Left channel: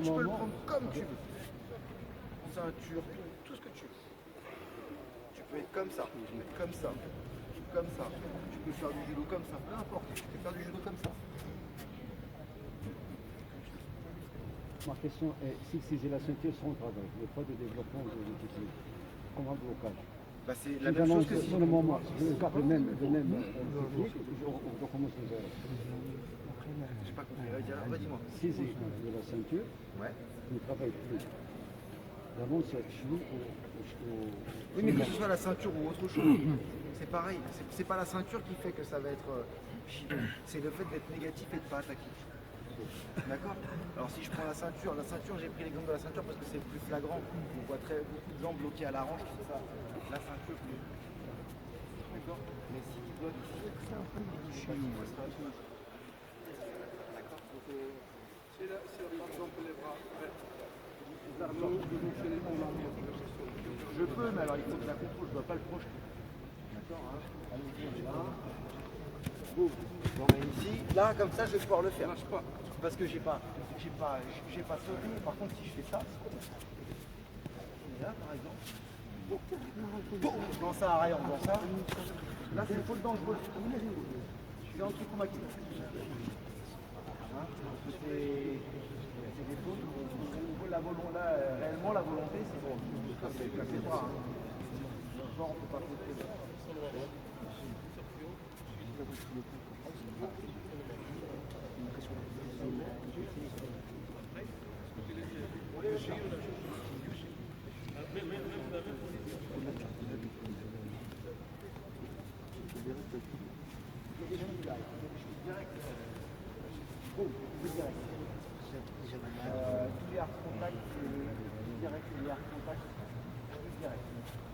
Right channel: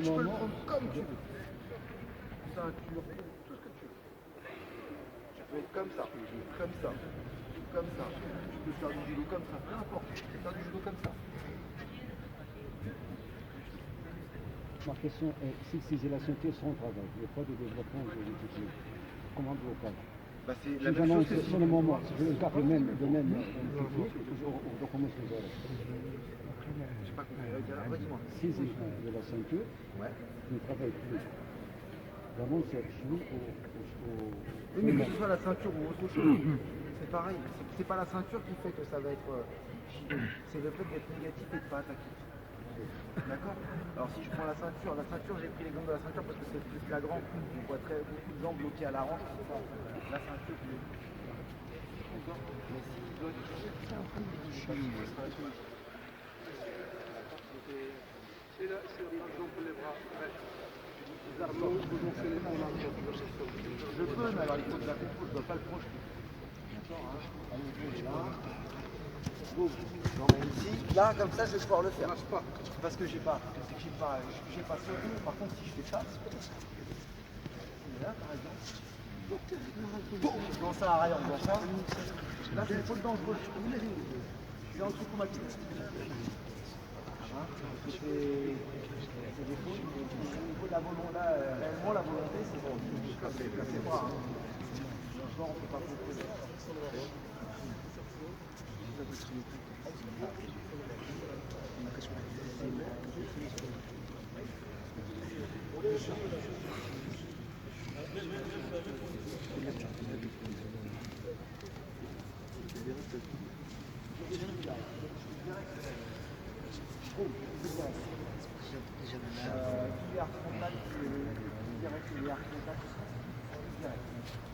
judo, tu peux le prendre comme tu veux. Ceinture, tout ce que tu veux. Tu peux être comme ça, comme ça, comme ça. Tu peux faire du judo comme ça, peu importe. Tu peux faire du judo comme ça. Ma question est, si j'ai la ceinture sans travail, le poids de développement de l'outil, comment blocage? Bah, c'est la même chose que si... Sur le moment, je garde le même technique, je recommence les heures. J'ai pas compris, redis-moi. Si j'ai de la ceinture, Ouais. je ne travaille plus. D'abord, c'est cheveux Oui, mais que ce soit la ceinture ou autre chose, c'est pareil. C'est pas la ceinture qui fait que ça va être c'est le fait d'être négatif et de pas attaquer. D'accord? Alors si je prends la ceinture, j'ai pris l'exemple de la ceinture parce que c'est le plus flagrant. On voit beaucoup de gens bloqués à la hanche, c'est ça. La ceinture, d'accord? Mais si doit c'est un peu difficile. Je peux, mais alors il faut que je la contrôle, je ne dois pas le projeter. D'accord, hein? Allez, là. Boum. J'emmène ici. Là, comme ça, je vais pouvoir le faire. Parce que j'ai pas ce rond. Par contre, si je fais ça, là, par exemple, je lance ça à arrière, on ça. Là, c'est une faute dangereuse. C'est un truc qu'on m'a dit. C'est des fautes. Au niveau de la volonté, là, réellement, la volonté, c'est bon. C'est pas. Genre, on ne peut pas proposer.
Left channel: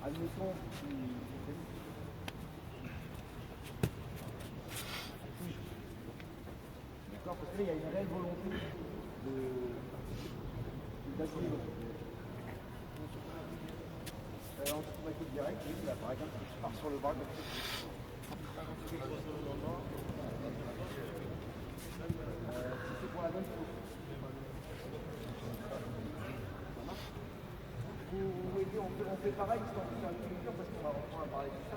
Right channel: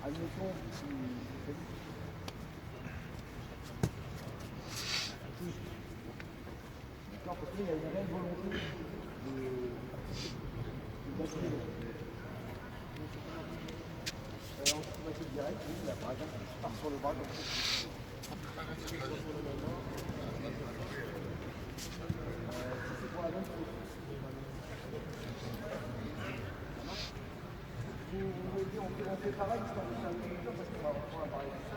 Admettons, d'accord, parce que là, il y a une réelle volonté d'assurer. On va essayer direct, oui, là, par exemple, je pars sur le bras comme ça. Si c'est pour la même chose. Ça marche? Vous mettez, on fait pareil, c'est un peu dur parce qu'on va parler de ça.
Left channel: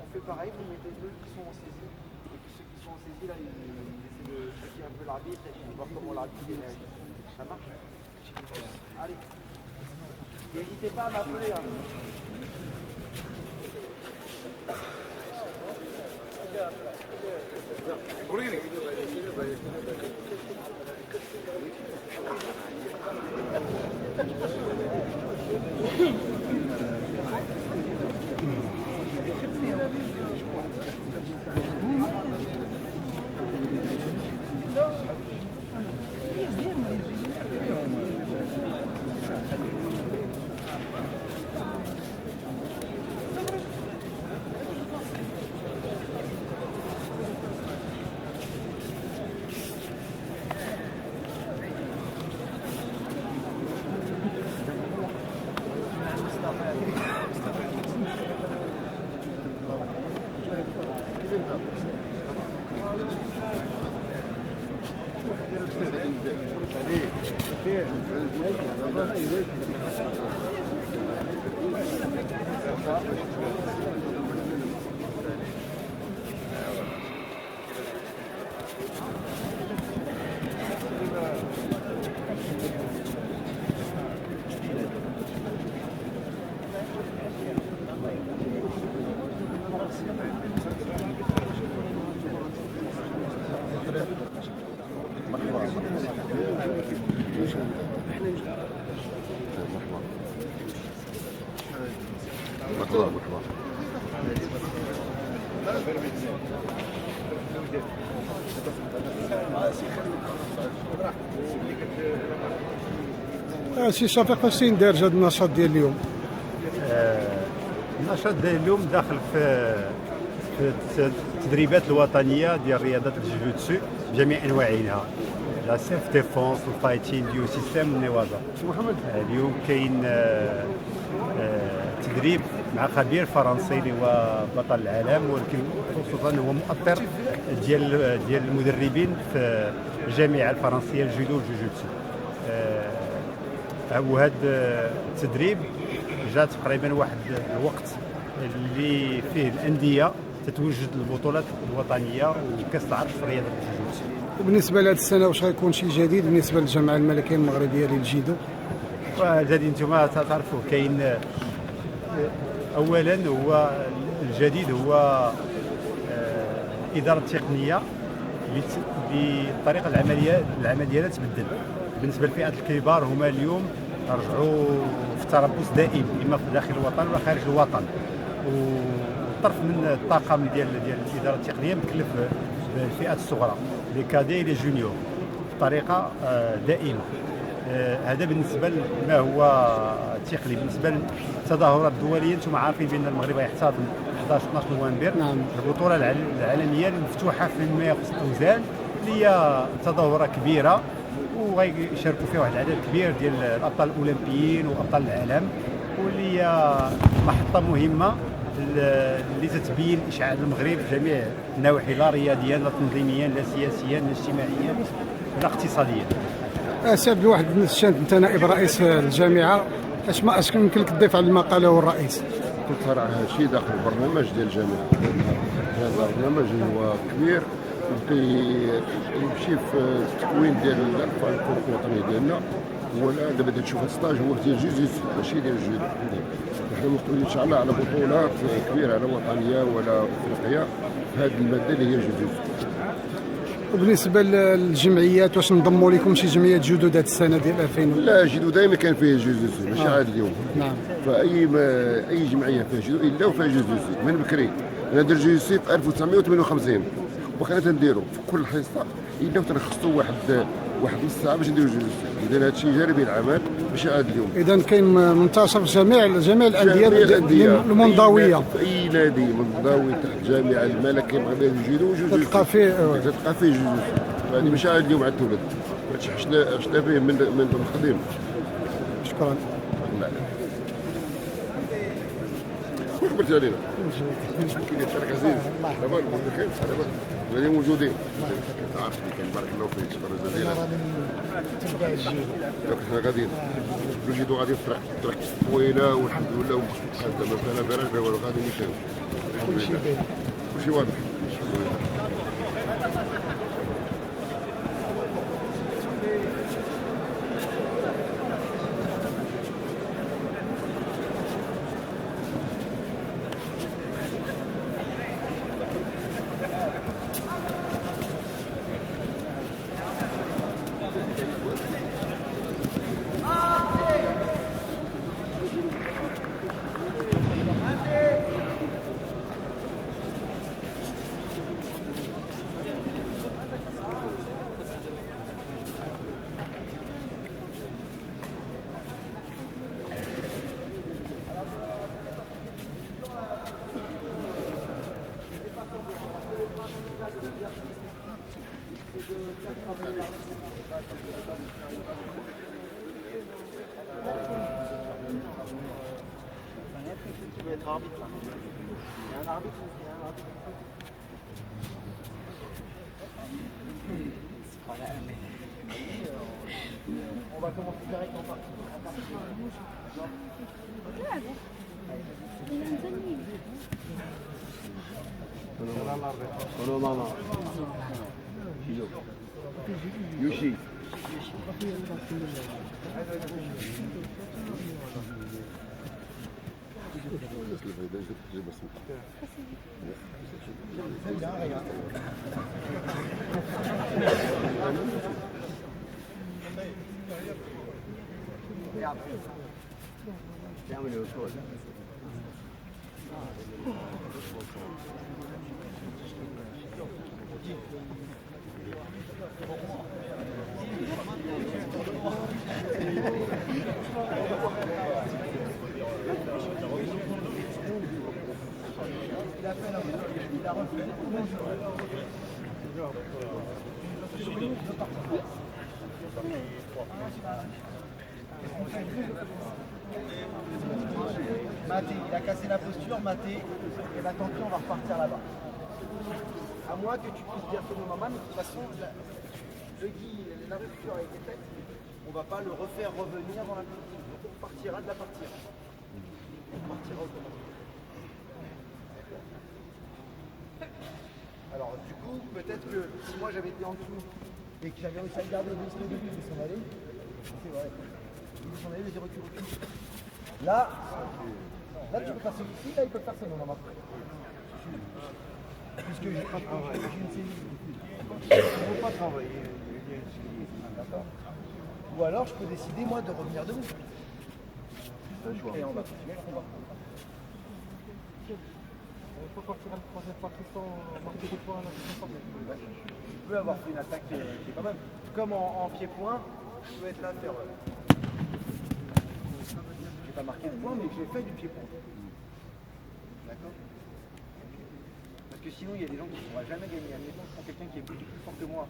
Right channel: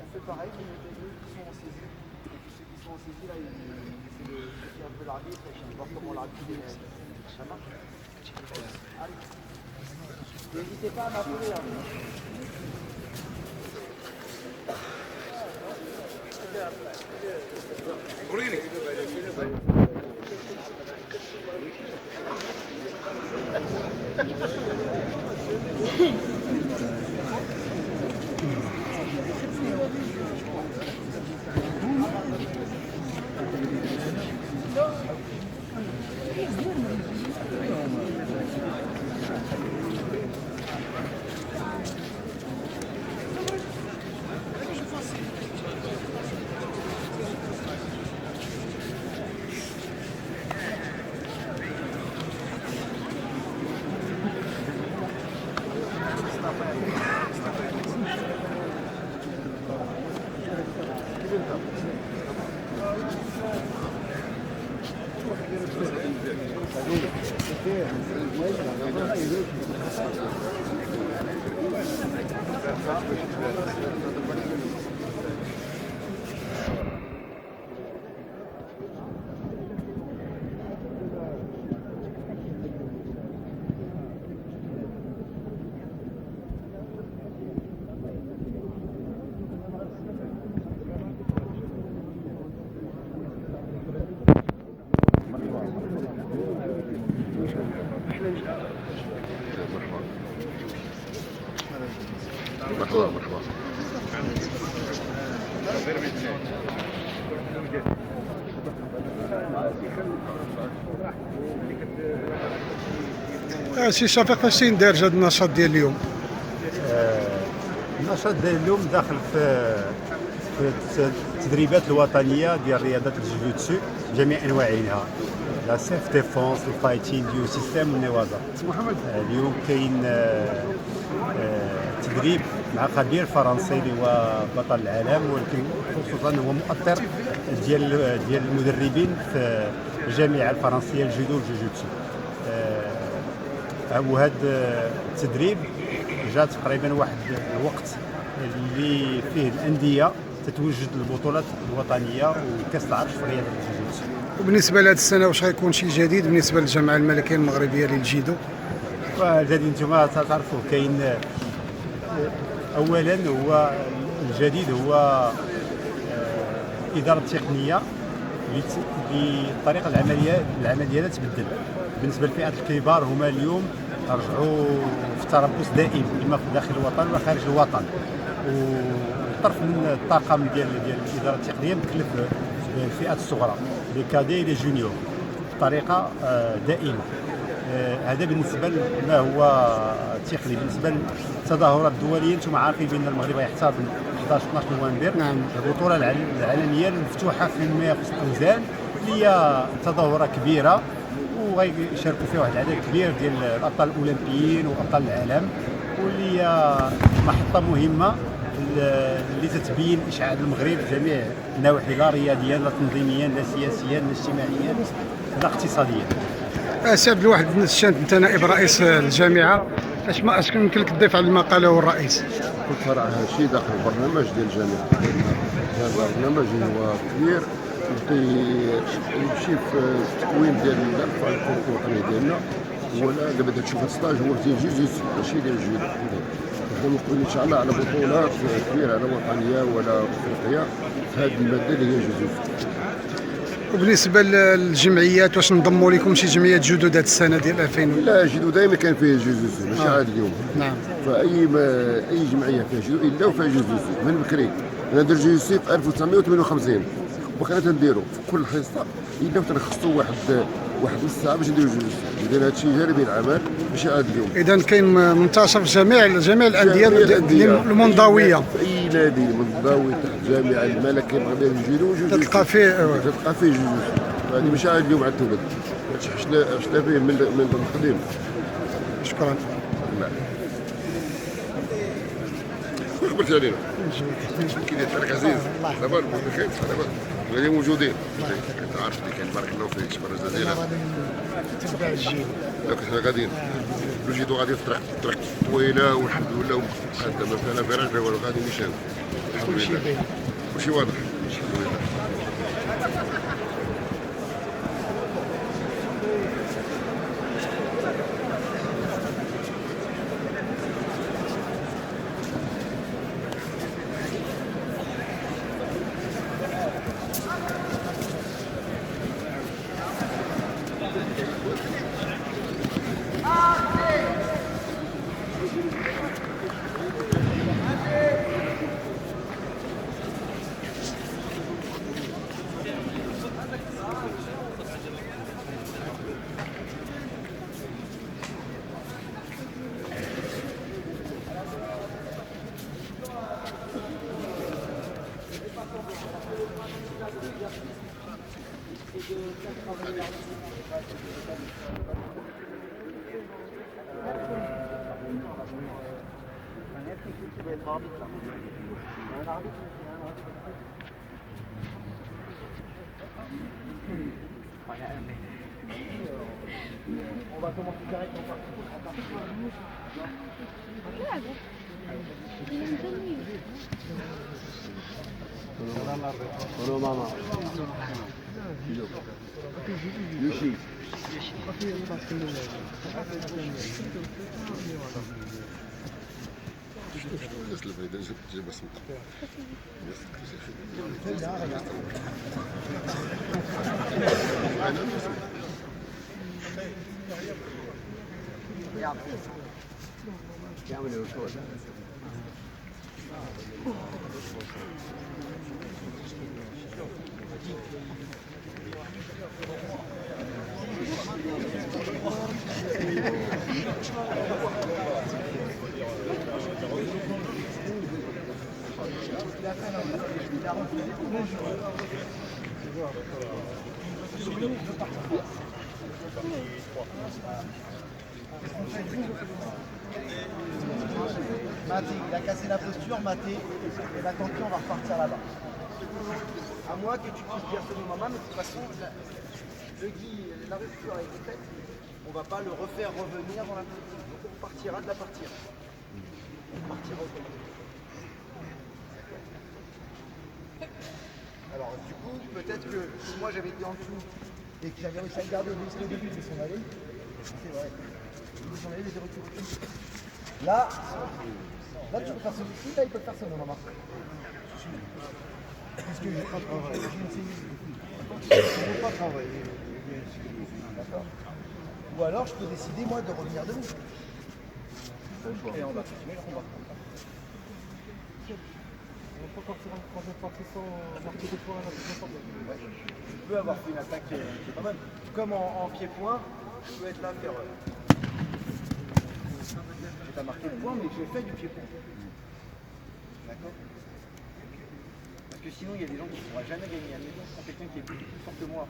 On fait pareil, vous mettez ceux qui sont en saisie. Et puis ceux qui sont en saisie, là, ils essaient de chercher un peu l'arbitre et puis voir comment l'arbitre réagit. Ça marche? Allez. N'hésitez pas à m'appeler. Hein. سي شفيق فاش ندير هذا النشاط ديال اليوم؟ النشاط ديال اليوم داخل في التدريبات الوطنيه ديال رياضه الجوجوتسو بجميع انواعها، لا سيلف ديفونس، الفايتين، ديو سيستيم والنوازه. اليوم كاين تدريب مع خبير فرنسي اللي هو بطل العالم، ولكن خصوصا هو مؤطر ديال المدربين في الجامعه الفرنسيه الجودو والجوجوتسو. وهذا التدريب جاء تقريبا واحد الوقت اللي فيه الانديه تتوجد البطولات الوطنيه وكاس العرش في رياضه الجوجوتسو. وبالنسبه لهذه السنه واش غيكون شي جديد بالنسبه للجامعه الملكيه المغربيه للجيدو؟ وهذا انتم تعرفوا كاين اولا هو الجديد هو اداره تقنيه للطريقه العمليه تبدل. بالنسبه للفئات الكبار هما اليوم رجعوا في التربص دائم اما في داخل الوطن ولا خارج الوطن، وطرف من الطاقم ديال الاداره التقنيه مكلف بالفئات الصغرى لي كادي لي جونيور بطريقه دائمه. هذا بالنسبه لما هو تقني. بالنسبه للتظاهرات الدوليه انتم عارفين بان المغرب يحتضن 11 12 نوفمبر نعم. البطوله العالميه المفتوحه فيما يخص الاوزان، اللي هي تظاهره كبيره وغيشاركوا فيها واحد العدد كبير ديال الابطال الاولمبيين وابطال العالم، واللي هي محطه مهمه اللي تتبين اشعاع المغرب في جميع النواحي، لا رياضيا لا تنظيميا لا سياسيا لا اجتماعيا لا اقتصاديا. سي عبد الواحد بن الشاند، انت نائب رئيس الجامعه، اش يمكن لك تضيف على ما قاله الرئيس؟ كنت صراحه هذا الشيء داخل البرنامج ديال الجامعه. هذا البرنامج هو كبير يمشي في التكوين ديال الاطفال الكره الوطنيه ديالنا. ولا دابا تشوف هذا الستاج هو ديال جوجيتسو ماشي ديال الجودو. احنا مقبلين ان شاء الله على بطولات كبيره لا وطنيه ولا افريقيه في هذه الماده اللي هي جوجيتسو. وبالنسبه للجمعيات واش نضموا لكم شي جمعيات جدد هذه السنه ديال 2000؟ لا جودو دائما كان فيه جوجيتسو ماشي عاد اليوم. نعم. اي جمعيه فيها جودو الا وفيها جوجيتسو من بكري. انا درت جوجيتسو في 1958 وبقينا تنديرو في كل حصه الا تنخصوا واحد نص ساعه باش نديرو جوجيتسو. اذا هذا الشيء جانبي العمل ماشي عاد اليوم. اذا كاين منتشر في جميع الانديه المنضويه. في اي نادي منضوي تحت الجامعه الملكيه المغربيه للجودو تلقى فيه جوجيتسو. هذه ماشي عاد اليوم عاد الولد. هادشي حشنا فيه من القديم. شكرا. خبرتي علينا كي داير عزيز دابا بخير دابا غادي موجودين. انت عارف اللي كاين بارك الله فيك شكرا جزيلا. تتبع الجيل. دونك حنا غاديين الجيدو غادي في الطريق طويله والحمد لله ومقدمه ما فيها فراش والو غادي نمشيو. كلشي باين. كلشي واضح. Tu dois être arbitre là. Il y a un arbitre, On va commencer directement par Hello, mama. Yoshi. Maté, il a cassé la posture, Maté, et bah tant pis, on va repartir là-bas. À moins que tu puisses dire ce moment, mais de toute façon, la rupture a été faite. on ne va pas le refaire revenir dans la partie. Donc on partira de la partie 1. On partira autrement. Alors du coup, peut-être que si moi j'avais été en dessous et que j'avais réussi à le garder au début, il s'en allait. C'est vrai. Il s'en allait, mais j'ai reculé. Là, tu peux faire celui-ci, là il peut faire ça, non, Marc. Puisque j'ai une cellule. Je ne veux pas travailler. D'accord. Ou alors je peux décider moi de revenir debout. Et on va continuer le combat. Ouais. Tu peux avoir fait une attaque qui est pas mal. Comme en pied-point, je peux être là faire. J'ai pas marqué le point, mais j'ai fait du pied-point. D'accord. Parce que sinon, il y a des gens qui ne pourront jamais gagner. Admettons, je prends quelqu'un qui est beaucoup plus fort que moi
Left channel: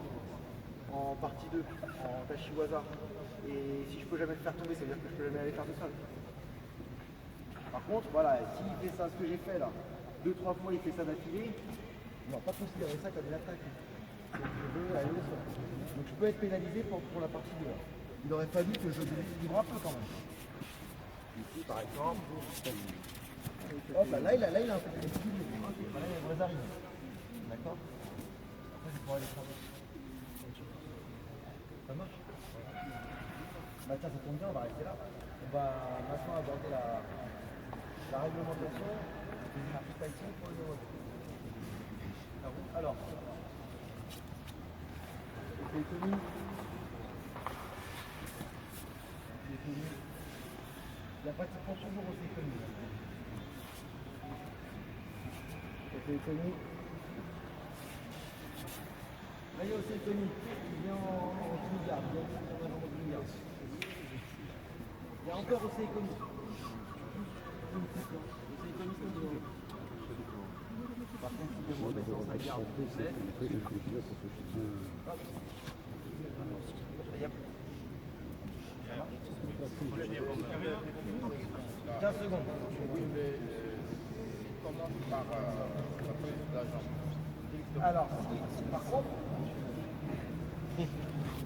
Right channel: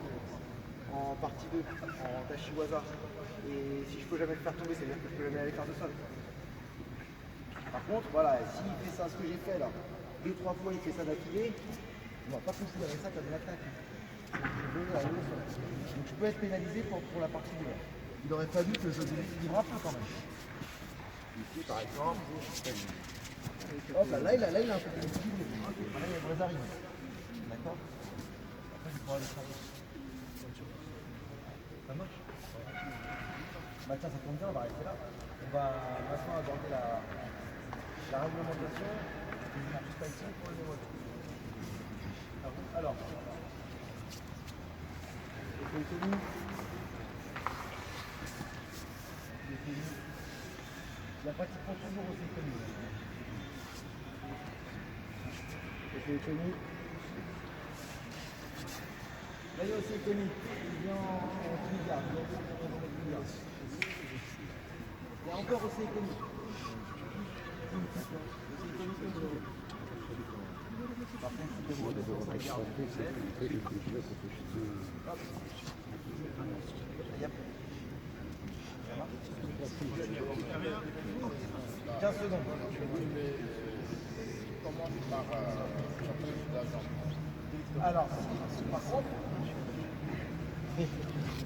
en partie 2, en Tashiwaza. Et si je peux jamais le faire tomber, ça veut dire que je peux jamais aller faire de sol. Par contre, voilà, s'il fait ça, ce que j'ai fait là, 2-3 fois, il fait ça d'affilée, on va pas considérer ça comme une attaque. Je veux aller au sol. Donc je peux être pénalisé pour la partie 2. Il aurait fallu que je livre un peu quand même. Ici, par exemple, hop, là, il a un peu plus de là, il y a une vraie arrive. D'accord. Après, je pourrais aller travailler. Ça marche. Bah tiens, ça tombe bien, on va rester là. On va maintenant aborder la réglementation. Pas ici pour le modèle. Alors, c'est connu. La pratique prend toujours aussi connu. C'est connu. Là, il y a aussi connu. Il vient en milliards. Il y a encore aussi connu. Par contre, si je demande de la garde, hop. 15 secondes. Alors, par contre,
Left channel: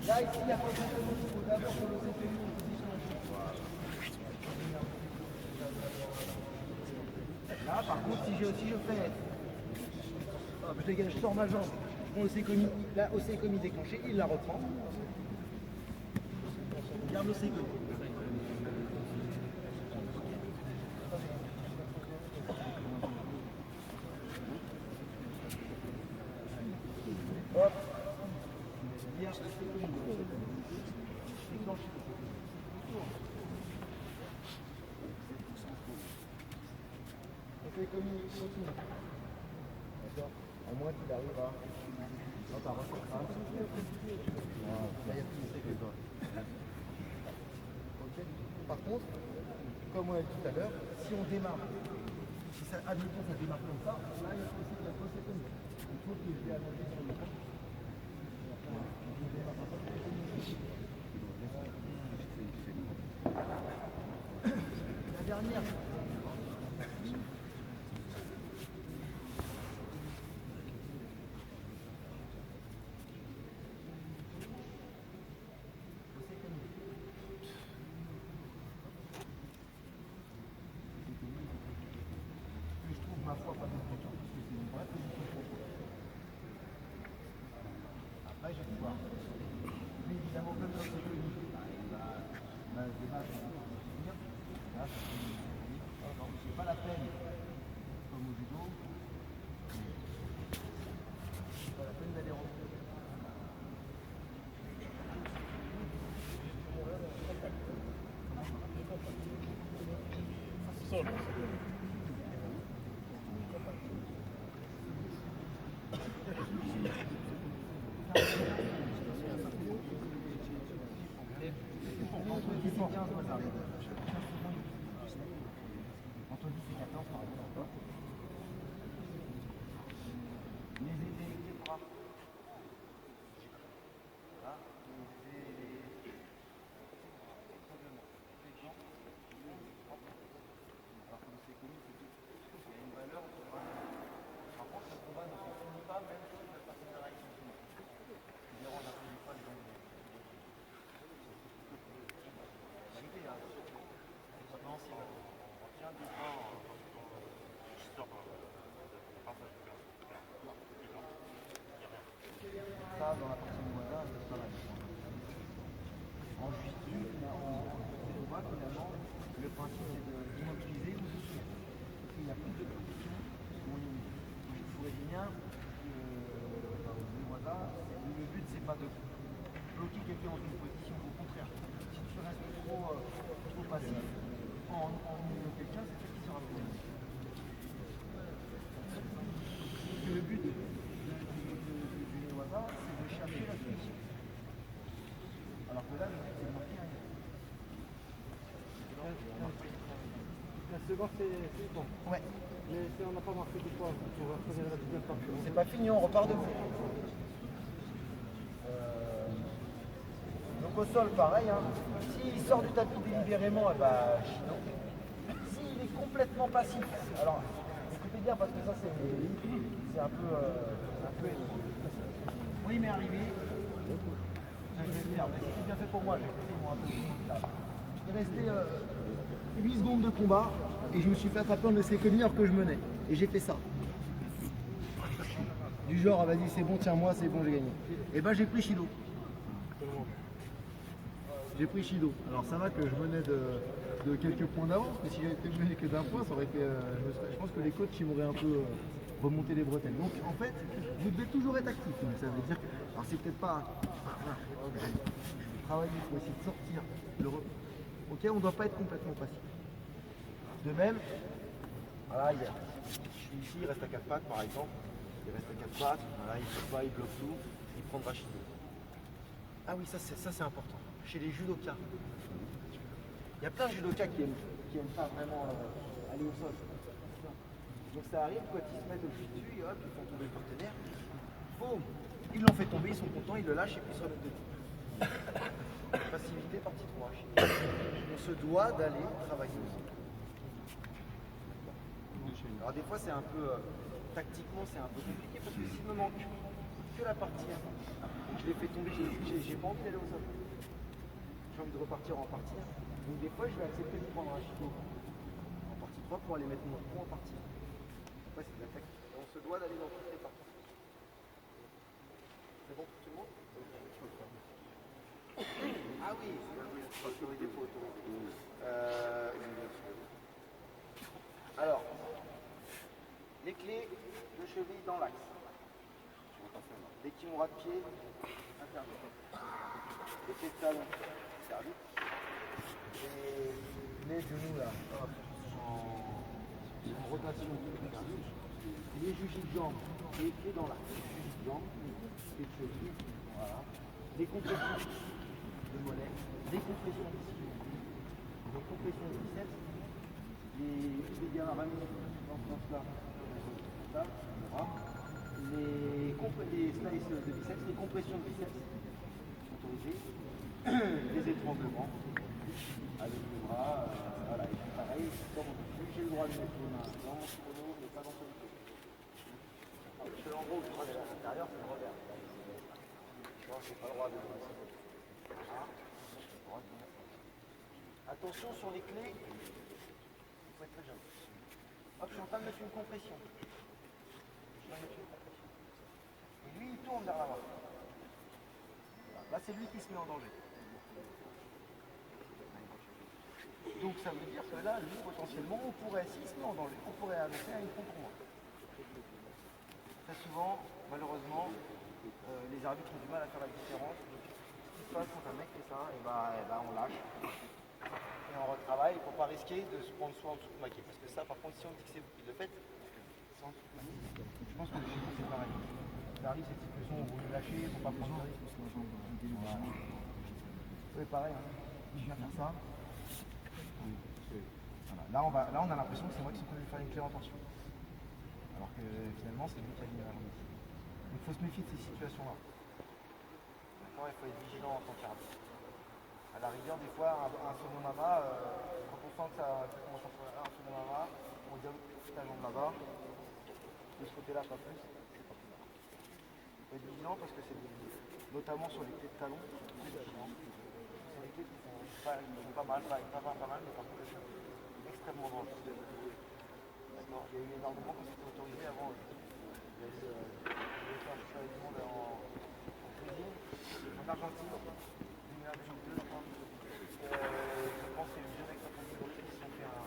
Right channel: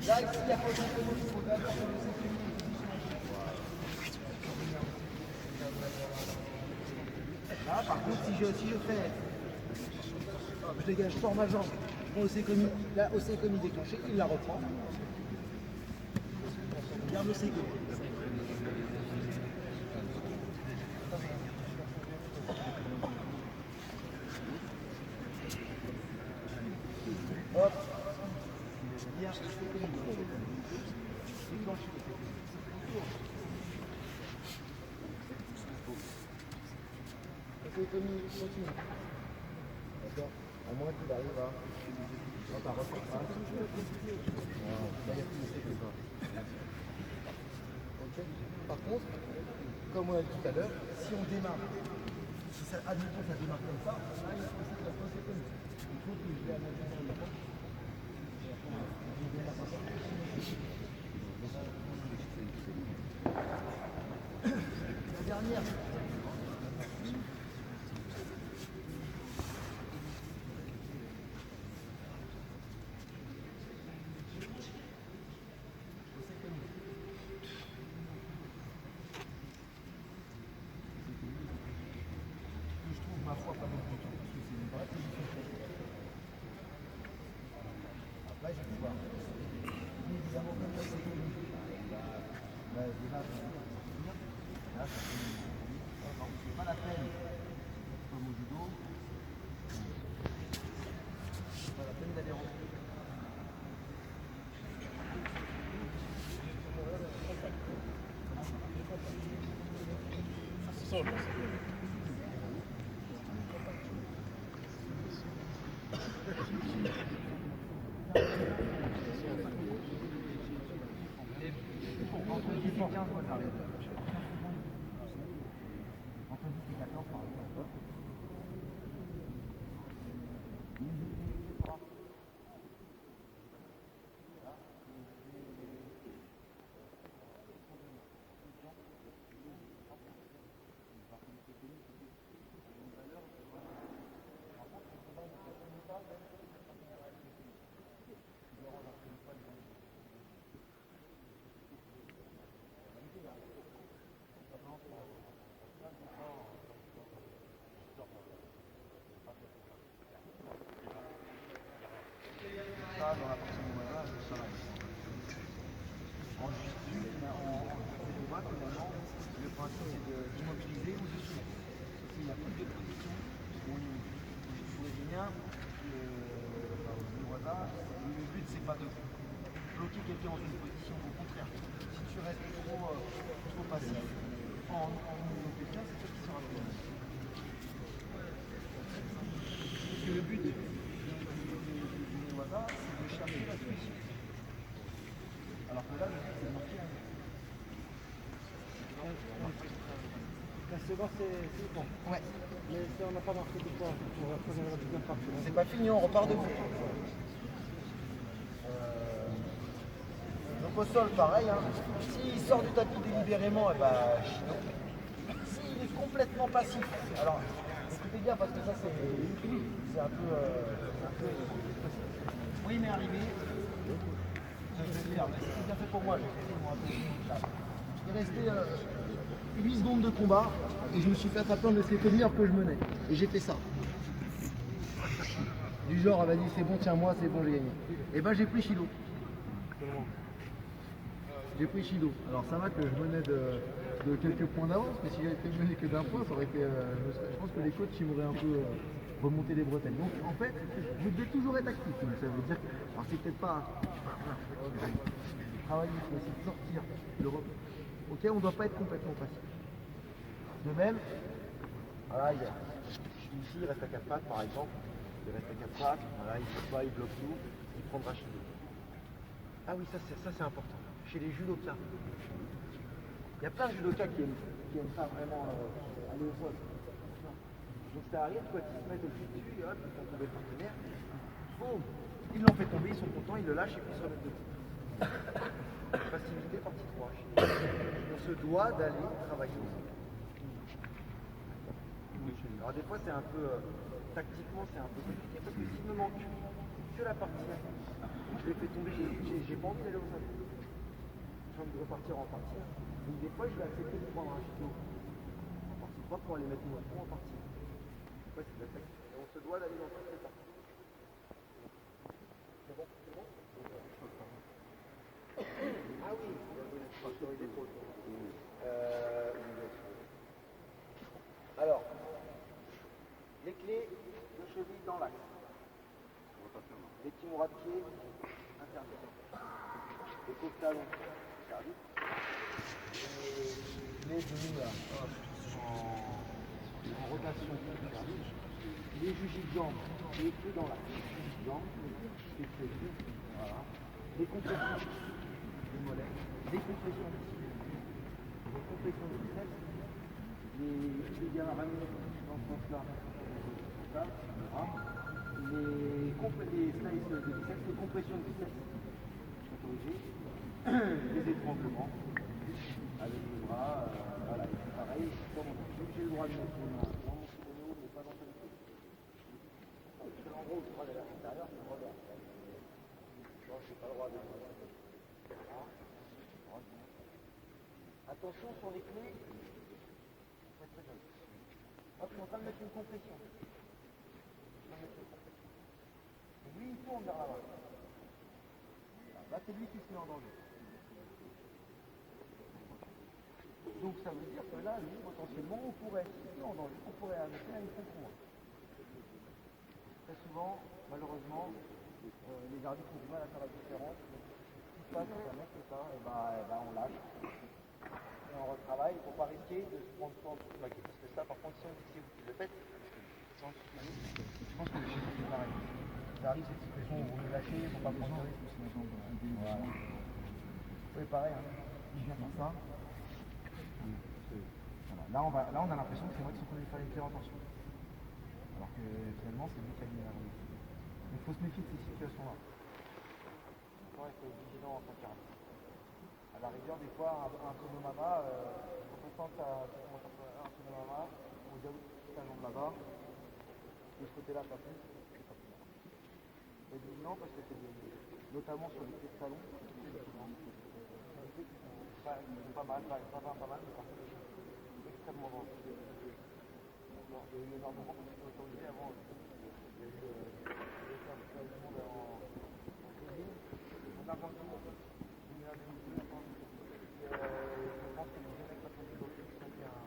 là, ici, il y a pas de il faut d'abord que le sécurité. Là, par contre, si je fais, je dégage, je sors ma jambe, je prends Osekomi, là, Osekomi déclenché, il la reprend. Je garde l'Osekomi. Hop. Il y a Osekomi. Déclenché. Osekomi continue. D'accord. À moins qu'il arrive à refaire ça. Là, il y a plus de que ça. Ok. Par contre, comme on a dit tout à l'heure, si on démarre, si ça, admettons ça démarre comme ça, là, il faut que la pose est comme ça. Il faut que je vais avancer sur le point. La dernière. Ma foi, pas non plus, parce que c'est une vraie position. Là, j'ai pu voir. Mais évidemment, comme ça, c'est connu. Bah, déjà, là, c'est pas la peine, comme au judo, c'est pas la peine d'aller rentrer. Entre 10 et 15, moi, ça arrive. Entre 10 et 14, par exemple. Les bras. Là, les ça dans la partie du voisin, ça va. En justice, on voit finalement, le principe c'est d'immobiliser ou de soumettre. Parce qu'il y a plus de positions où je pourrais bien le voisin, le but c'est pas de bloquer quelqu'un dans une position, au contraire. Si tu restes trop passif, en immobilisant quelqu'un, c'est toi qui sera plus. Parce que le but du voisin, c'est de chercher la solution. Alors que là, le but c'est de marquer un mur. La seconde, c'est bon. Ouais. Mais si on n'a pas marqué de fois, on va poser la deuxième partie. C'est pas fini, on repart de vous. Donc au sol, pareil. Hein. S'il sort du tapis délibérément, eh ben, Chido. S'il est complètement passif, alors écoutez bien parce que ça c'est un peu. Oui, mais arrivé. Je vais le faire, mais c'était bien fait pour moi. J'ai fait moi un peu. Il restait 8 secondes de combat et je me suis fait attraper en essai commis alors que je menais. Et j'ai fait ça. Du genre, ah, vas-y, c'est bon, tiens-moi, c'est bon, j'ai gagné. Et ben j'ai pris Chido. J'ai pris Chido. Alors ça va que je menais de quelques points d'avance, mais si j'avais été mené que d'un point, ça aurait été. Je pense que les coachs ils m'auraient un peu remonté les bretelles. Donc en fait, vous devez toujours être actif. Donc ça veut dire que. Alors c'est peut-être pas. Travailler, il faut essayer de sortir l'Europe. Ok, on ne doit pas être complètement passif. De même, voilà, je suis ici, il reste à 4 pattes par exemple. Il reste à 4 pattes, voilà, il saute pas, il bloque tout, il prendra Chido. Ah oui, ça c'est important. Chez les judokas, il y a plein de judokas qui aiment pas vraiment aller au sol. Donc ça arrive quand ils se mettent au dessus, hop, ils font tomber le partenaire. Boum, ils l'ont fait tomber, ils sont contents, ils le lâchent et puis ils se remettent debout. Passivité partie 3. On se doit d'aller travailler au sol. Alors des fois c'est un peu, tactiquement c'est un peu compliqué parce que s'il me manque que la partie 1, je l'ai fait tomber, j'ai pas envie d'aller au sol. J'ai envie de repartir en partie 1. Donc des fois je vais accepter de prendre un Chido en partie 3 pour aller mettre mon point en partie 1. Après c'est de la tactique. Et on se doit d'aller dans toutes les parties. C'est bon pour tout le monde? Ah oui, alors, les clés de cheville dans l'axe. Les kimura de pied, interdit. Les clés de talon, interdit. Les genoux là, en rotation, interdit. Les jugies de jambes, les clés dans l'axe. Jambes, clés de cheville, voilà. Les compressions de mollet, les compressions d'ici, les compressions de biceps, les gamins ramenés dans ce sens-là, ça, voilà. Les slices de biceps, les compressions de biceps autorisées, les étranglements avec les bras, voilà, et puis pareil, comme on dit, j'ai le droit de mettre les mains dans mon kimono, mais pas dans celui-ci. Parce que l'endroit où je travaille à l'intérieur, c'est le revers. J'ai pas le droit de attention sur les clés, il faut être très jeune. Hop, je suis en train de mettre une compression. Et lui, il tourne vers l'avant. Là, c'est lui qui se met en danger. Donc, ça veut dire que là, lui, potentiellement, on pourrait, s'il se met en danger, on pourrait annoncer à une contre moi. Très souvent, malheureusement, les arbitres ont du mal à faire la différence. Donc, ce qui se passe quand un mec fait ça, et ben on lâche. Et on retravaille pour ne pas risquer de se prendre soit en dessous de maquille. Parce que ça, par contre, si on dit que c'est vous qui le faites, c'est en dessous de maquille. Je pense que chez vous, c'est pareil. Ça arrive cette situation où vous voulez lâcher, il ne faut pas prendre de risque. Voilà. C'est pareil, hein. Je viens faire ça. Voilà. Là, on a l'impression que c'est moi qui suis venu faire une clé en tension. Alors que finalement, c'est vous qui avez mis la remise. Donc il faut se méfier de ces situations-là. D'accord, il faut être vigilant en tant qu'arbitre. À la rigueur, des fois, un second mama, quand on sent que ça commence à faire un second mama, on dit c'est un jambe là-bas, de ce côté-là, pas plus, c'est pas plus. Il faut être vigilant parce que c'est notamment sur les clés de talon, c'est des clés qui sont pas mal, mais par contre, extrêmement dangereuses. D'accord, il y a eu énormément quand c'était autorisé avant. Je vais faire du monde en cuisine. En Argentine, une Argentine, je pense que c'est le vieux mec qui sont fait un ligament.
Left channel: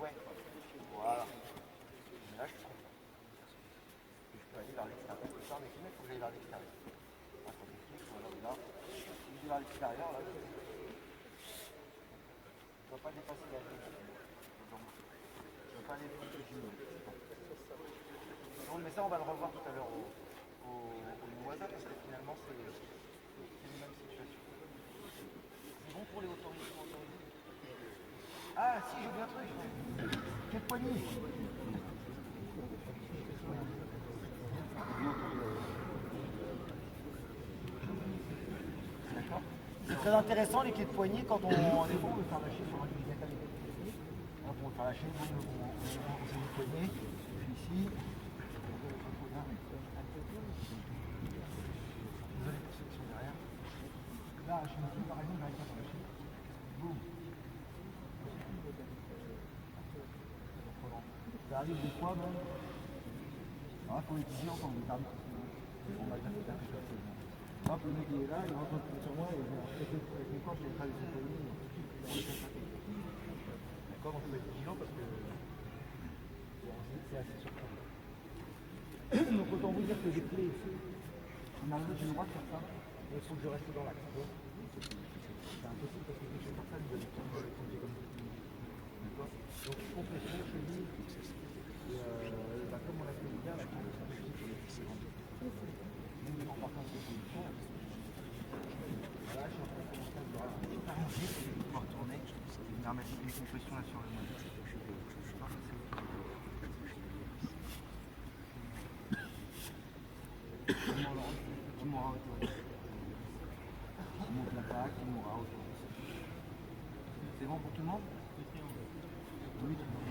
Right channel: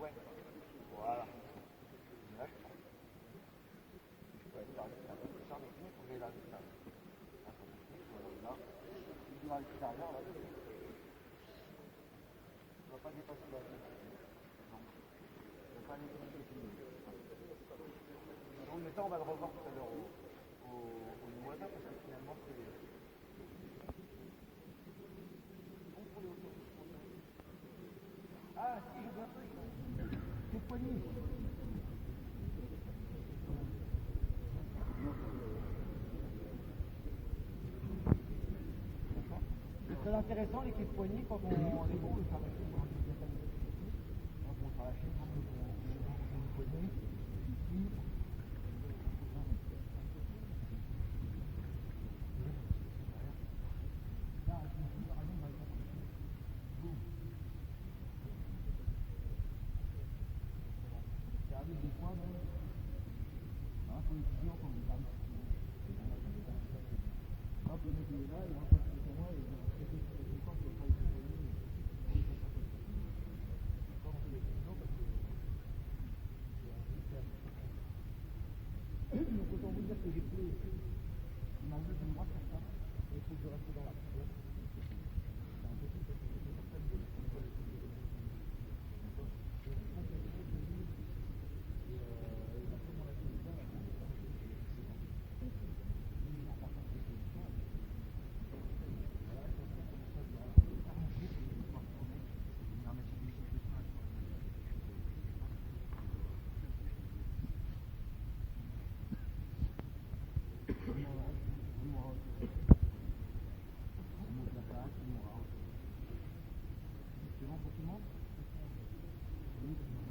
Ouais, voilà. Mais là, je suis content. Je peux aller vers l'extérieur. Ça, mais il faut que j'aille vers l'extérieur. Là, si je vais vers l'extérieur, là, je ne dois pas dépasser la vie. Donc, je ne vais pas aller plus vite. Donc, mais ça, on va le revoir tout à l'heure au Nuwaza parce que finalement, c'est une même situation. C'est bon pour les autorisés. Ah, si, j'ai bien truc. Quelle poignée. D'accord. C'est très intéressant les clés de poignée quand on veut faire lâcher sur un mécanique. On peut faire lâcher, on une poignée, ici. Désolé pour ceux qui sont derrière. Là, je me dis par exemple, j'arrive pas à faire lâcher. Boum. Ça arrive des fois même. Alors là, pour les tissus, quand on termine, on va bien faire quelque chose. Hop, le mec il est là, il rentre sur moi et il va traiter avec mes corps, je vais traverser les poignets pour les faire traiter. D'accord, donc il faut être vigilant parce que c'est assez surprenant. Donc autant vous dire que j'ai clé ici. On a le droit de faire ça, mais il faut que je reste dans l'axe. C'est impossible parce que je fais personne de l'équipe. D'accord. Donc compression, cheville. Comme on l'a fait bien, la compression de cheville, c'est grand. Même des comportements de position. Voilà, je suis en train de commencer à arranger pour pouvoir tourner. Je vais venir mettre mes compressions là sur le mode. Qui m'aura autorisé. Qui monte la plaque, qui m'aura autorisé. C'est bon pour tout le monde? Oui, tout le monde.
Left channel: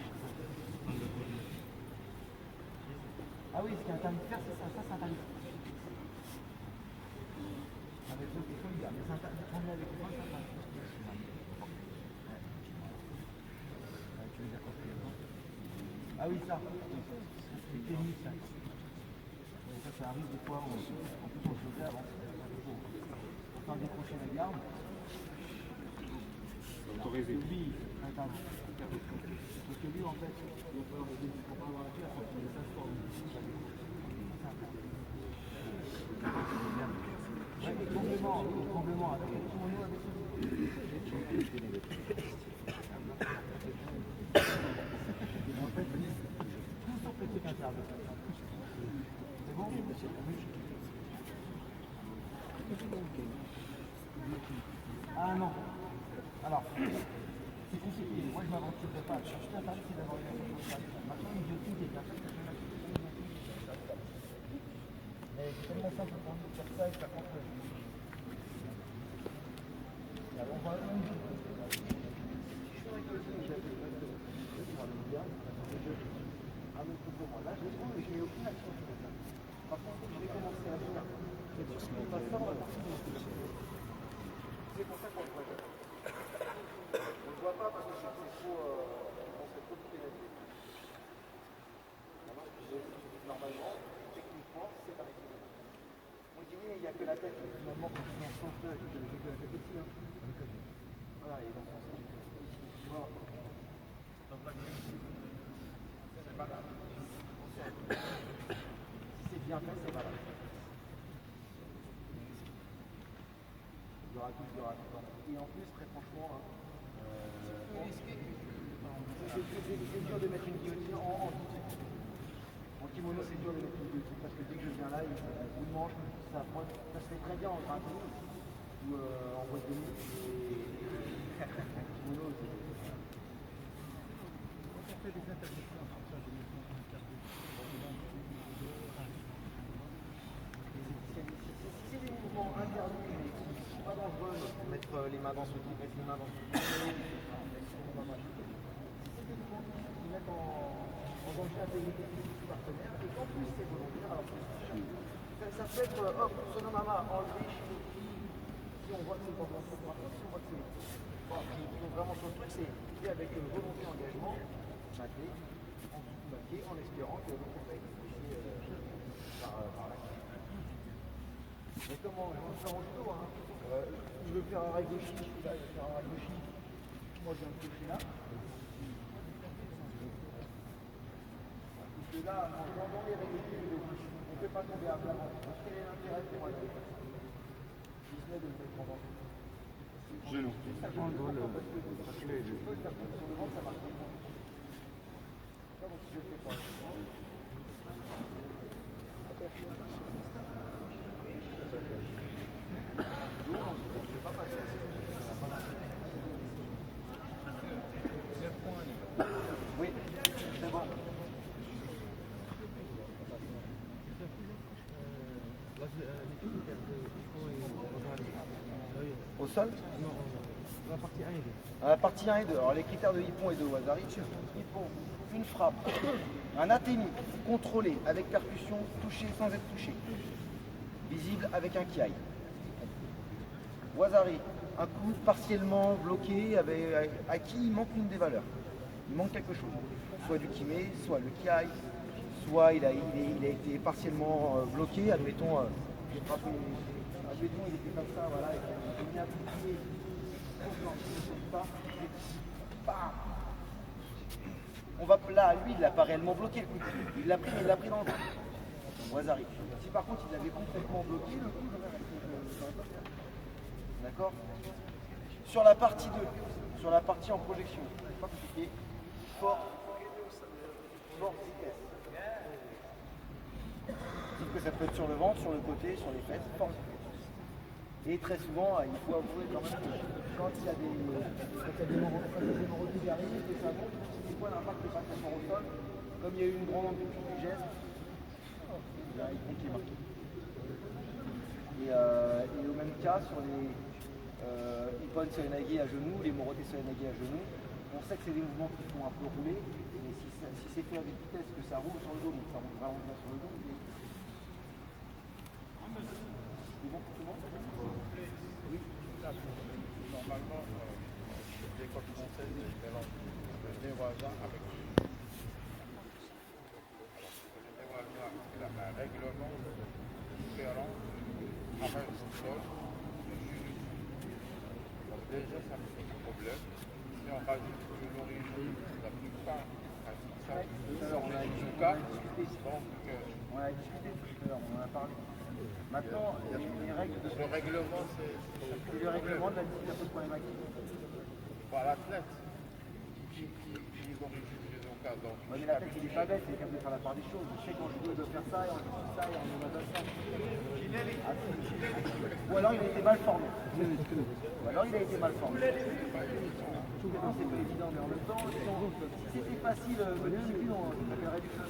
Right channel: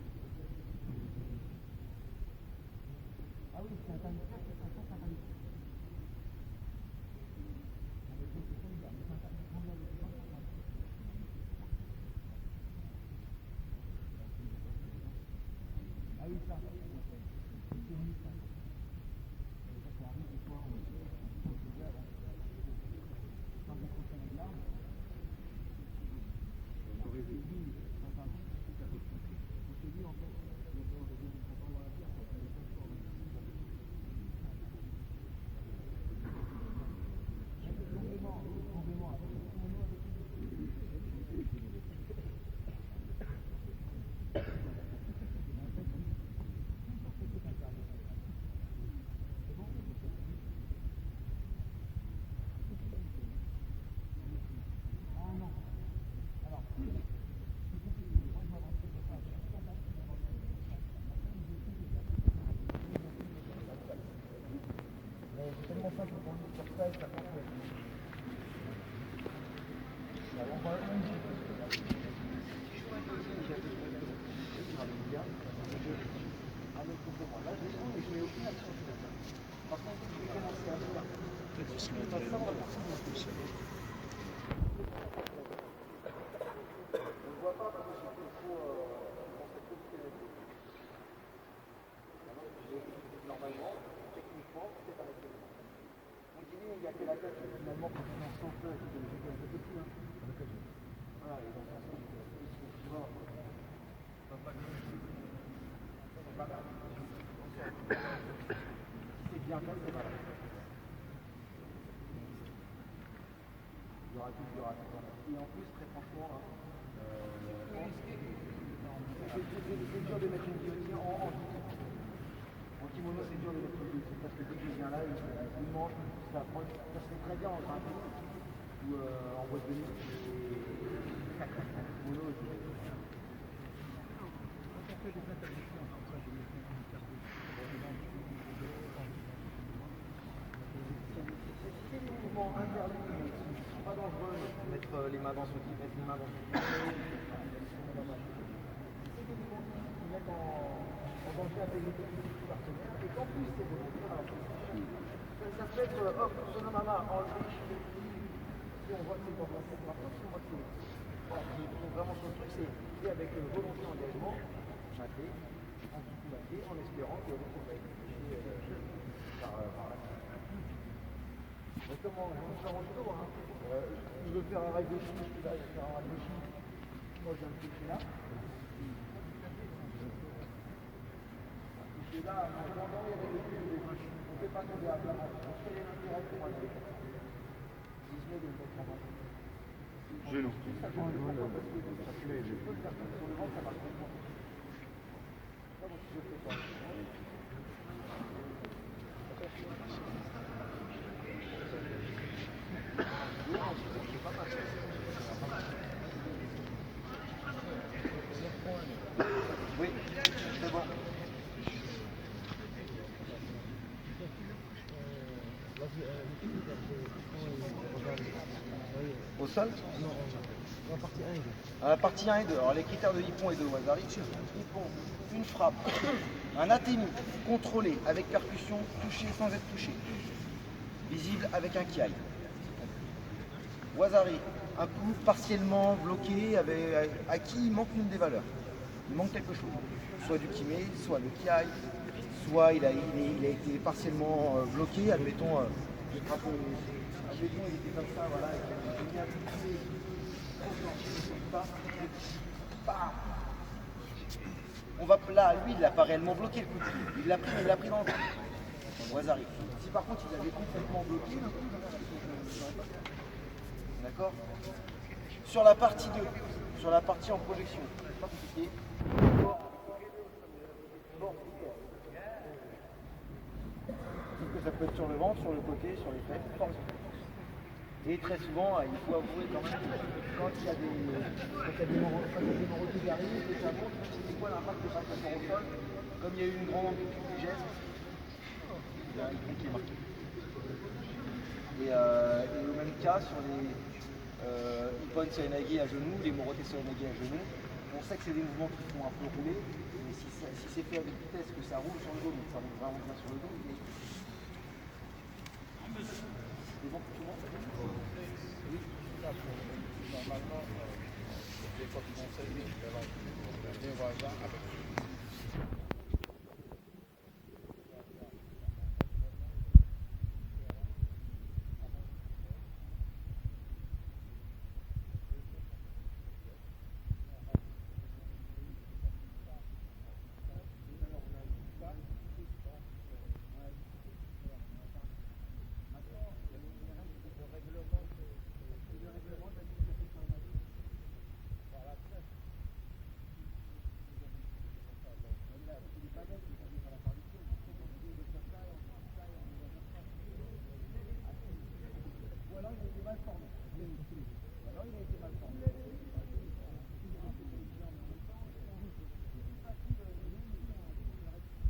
Ah oui, ce qui est interdit de faire, c'est ça, c'est interdit. Avec ceux qui sont bien, mais c'est interdit de prendre avec les mains, ça passe. Ah oui, ça. C'est technique, ça. Ça arrive des fois, en plus on le faisait avant. Pour faire décrocher la garde. Autorisé. Lui, interdit. Parce que lui, en fait, il ne faut pas avoir la pierre, il faut qu'il fasse fort. Complément avec tout mon nom avec en fait, tout sur petit interne. C'est bon? Ah non. Alors, c'est compliqué. Moi, je ne m'aventurerai pas. Je suis interdit d'avoir une information. Maintenant, une idiotie qui est la tête. Mais c'est tellement simple pour nous de faire ça et ça prend peu. On va avec beaucoup moins. Là, je les prends, mais je mets aucune action sur ça. Par contre, je vais commencer à faire. Ça, on va partir dans le c'est pour ça qu'on le voit. On ne le voit pas parce que c'est trop. On fait trop de pénalité. Normalement, techniquement, c'est pas réglé. On dit oui, mais il n'y a que la tête. Finalement, quand on en sort, il y a que la tête aussi. Voilà, et donc, tu vois. C'est pas grave. Si c'est bien fait, c'est pas grave. Il y aura tout. Et en plus, très franchement, c'est dur de mettre une guillotine en kimono, c'est dur de mettre une guillotine parce que dès que je viens là, il mange, ça se fait très bien en gratté ou en boîte de nuit. Et en kimono, c'est. Quand on fait des interdictions comme ça, des c'est des mouvements interdits mais qui ne sont pas dangereux, mettre les mains dans ce qui mettre les mains dans ce qui c'est des mouvements qui mettent en danger l'intégrité physique du partenaire et qu'en plus c'est volontaire. Alors, ça peut être hop, sonamama, enlevé, si on voit que c'est pas volontaire, par contre si on voit que c'est Donc vraiment sur le truc, c'est avec volonté, engagement, maquer, en espérant que l'autre va être utilisé par la suite. Mais comment je vais faire en judo, hein. Je veux faire un rail gauche, là, je vais faire un rail gauche. Moi j'ai un petit là. Et là, dans les règles, on ne fait pas tomber à plat. On fait l'intérêt pour aller comme ça. Je se met de le mettre en bas. Genou. Ça change pourquoi parce que sur le ventre, ça marche pas. Comment si je ne fais pas? Oui, c'est bon. Au sol? Non, à la partie 1 et 2. À la partie 1 et 2. Alors les critères de Hippon et de Wazari. Hippon, une frappe, un atémi contrôlé avec percussion, touché sans être touché, visible avec un kiai. Wazari, un coup partiellement bloqué à qui il manque une des valeurs. Il manque quelque chose. Soit du kimé, soit le kiai, soit il a été partiellement bloqué. Admettons, admettons il était comme ça, voilà, il a mis un coup de pied, on va là, lui, il l'a pas réellement bloqué le coup de pied. Il l'a pris, mais il l'a pris dans le ventre. Wazari. Si par contre il avait complètement bloqué, le coup, j'aurais pas fait. D'accord? Sur la partie 2, sur la partie en projection, c'est pas compliqué. Fort, vitesse. Sauf que ça peut être sur le ventre, sur le côté, sur les fesses, fort vitesse. Et très souvent, il faut avouer quand même que quand il y a des morotins qui arrivent, que ça monte, c'est quoi l'impact de pas rapport au sol? Comme il y a eu une grande amplitude du geste, il y a un Hippon qui est marqué. Et au même cas, sur les Ippon Seoinage à genoux, les Morote Seoinage à genoux, on sait que c'est des mouvements qui font un peu rouler, mais si c'est fait avec vitesse, que ça roule sur le dos, donc ça roule vraiment bien sur le dos. C'est bon pour tout le monde? Oui. Normalement, les codes françaises mélangent les voisins avec les voisins. Il a un règlement différent avec son sol. Donc déjà, ça me pose problème. Si on rajoute que l'origine, la plupart, ça sort les judokas. Donc, on a discuté tout à l'heure, on en a parlé. Maintenant, les règles de le règlement, c'est le règlement de la discipline problématique. pour l'athlète qui est d'origine judoka. Donc, Ouais, mais l'athlète, il est pas bête, il est capable de faire la part des choses. Je sais qu'en judo, il doit faire ça, et en judo, ça, et en yoga, ça. Ou alors, il a été mal formé. Ou alors, il a été mal formé. Non, c'est pas évident, mais en même temps, si c'était facile, le discipline, on s'appellerait du feu.